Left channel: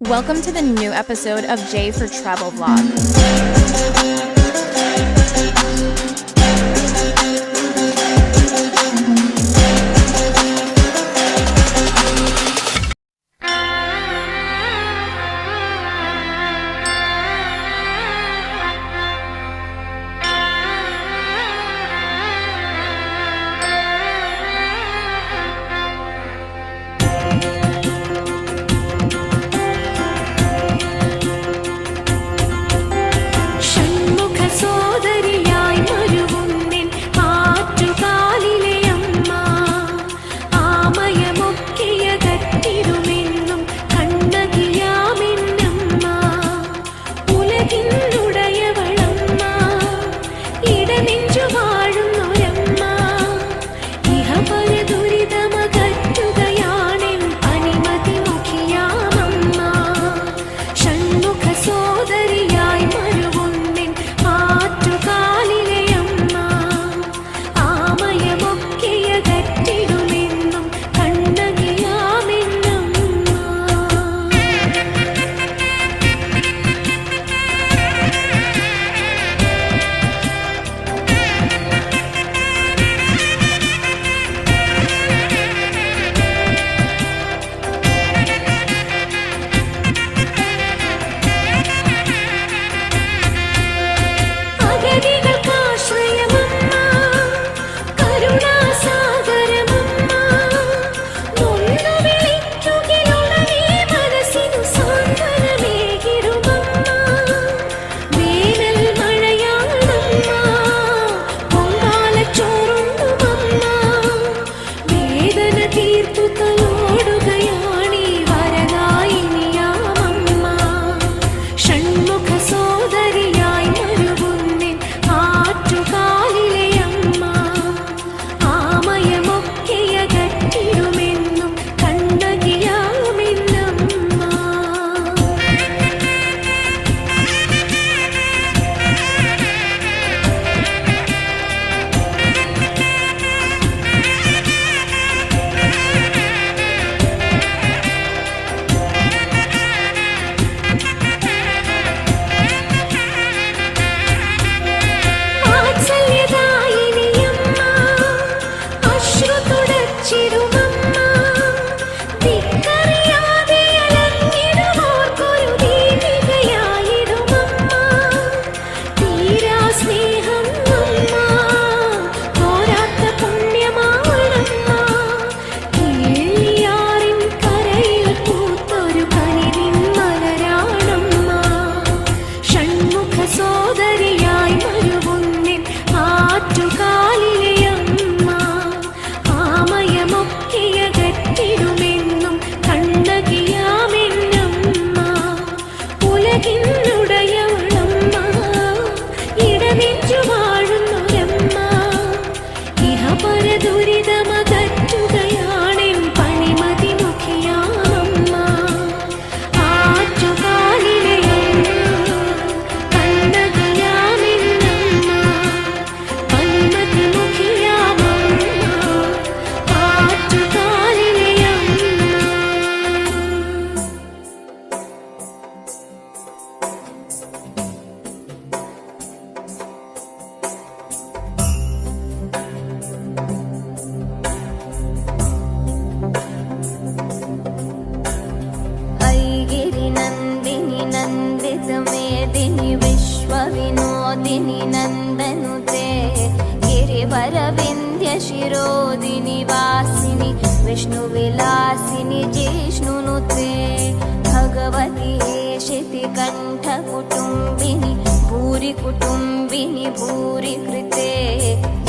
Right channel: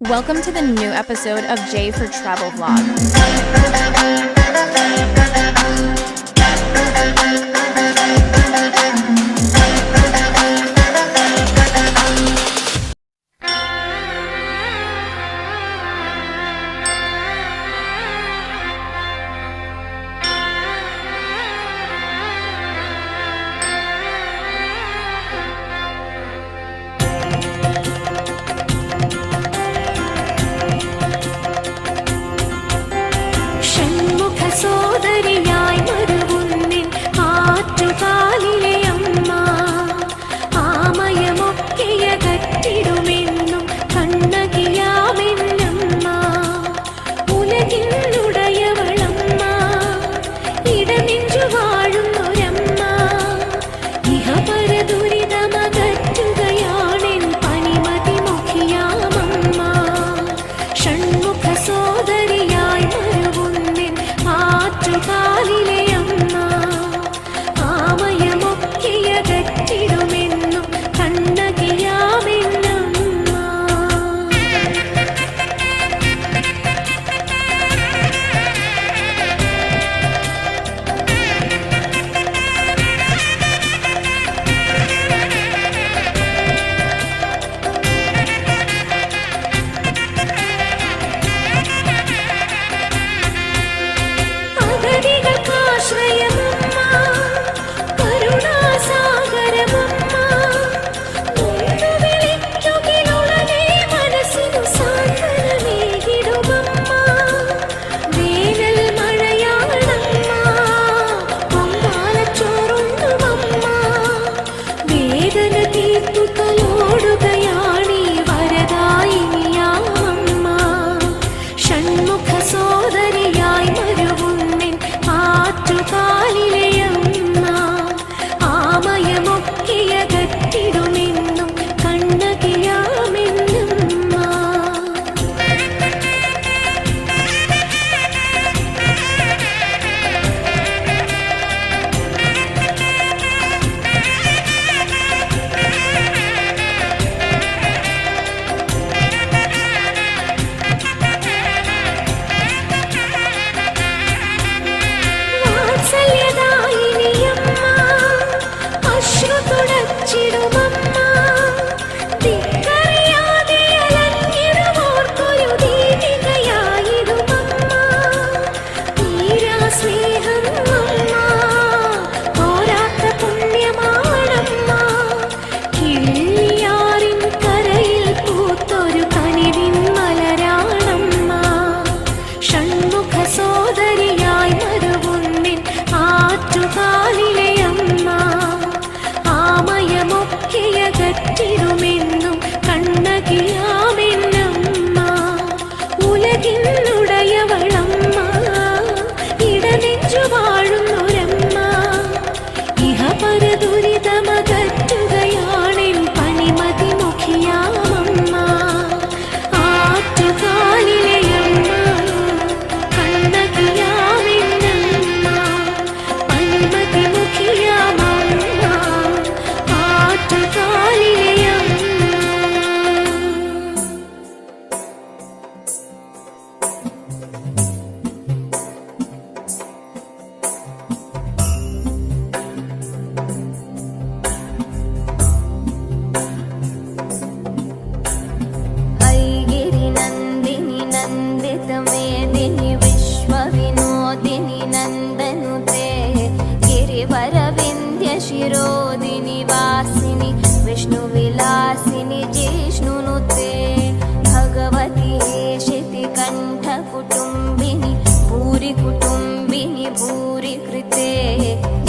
Welcome to the new episode of J for Travel Vlog. Yeah. न्दिनि विश्वविनोदिनि नन्दनुते गिरिवरविन्द्यशिरोदिनि वासिनि विष्णुविलासिनि जिष्णुनुते भगवति भगवती श्रितिकण्ठकुटुम्बिनि भूरिकुटुम्बिनि भूरि कृते।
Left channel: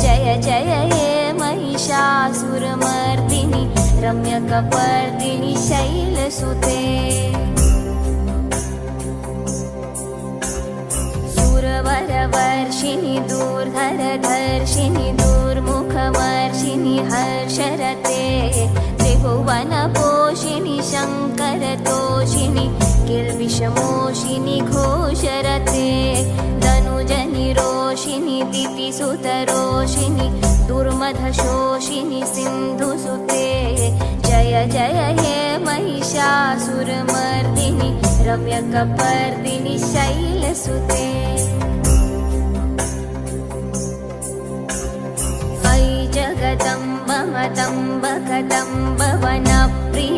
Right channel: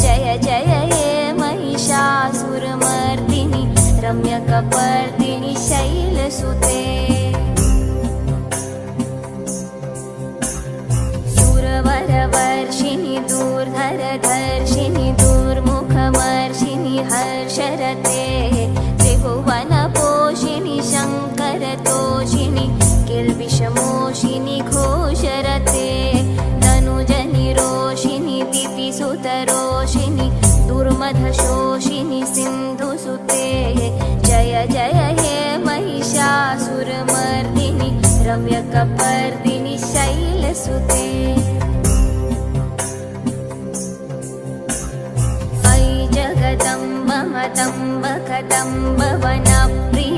जय जय हे महिषासुरमर्दिनि रम्यकपर्दिनि शैलसुते। सुरवरवर्षिणि दूर्धरधर्षिणि दूर्मुखमर्षिणि हर्षरते। किल्बिषमोषिनि घोषरते धनुजनिरोषिणि दिपिसुतरोषिनि दुर्मधशोषिनि सिन्धुसुते जय जय हे महिषासुरमर्दिनि रम्यकपर्दिनि शैलसुते वै जगदम्बतं बकतं भवन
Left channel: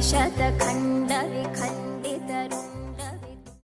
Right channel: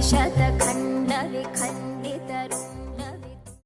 ऐ शतखण्डविखण्डितरू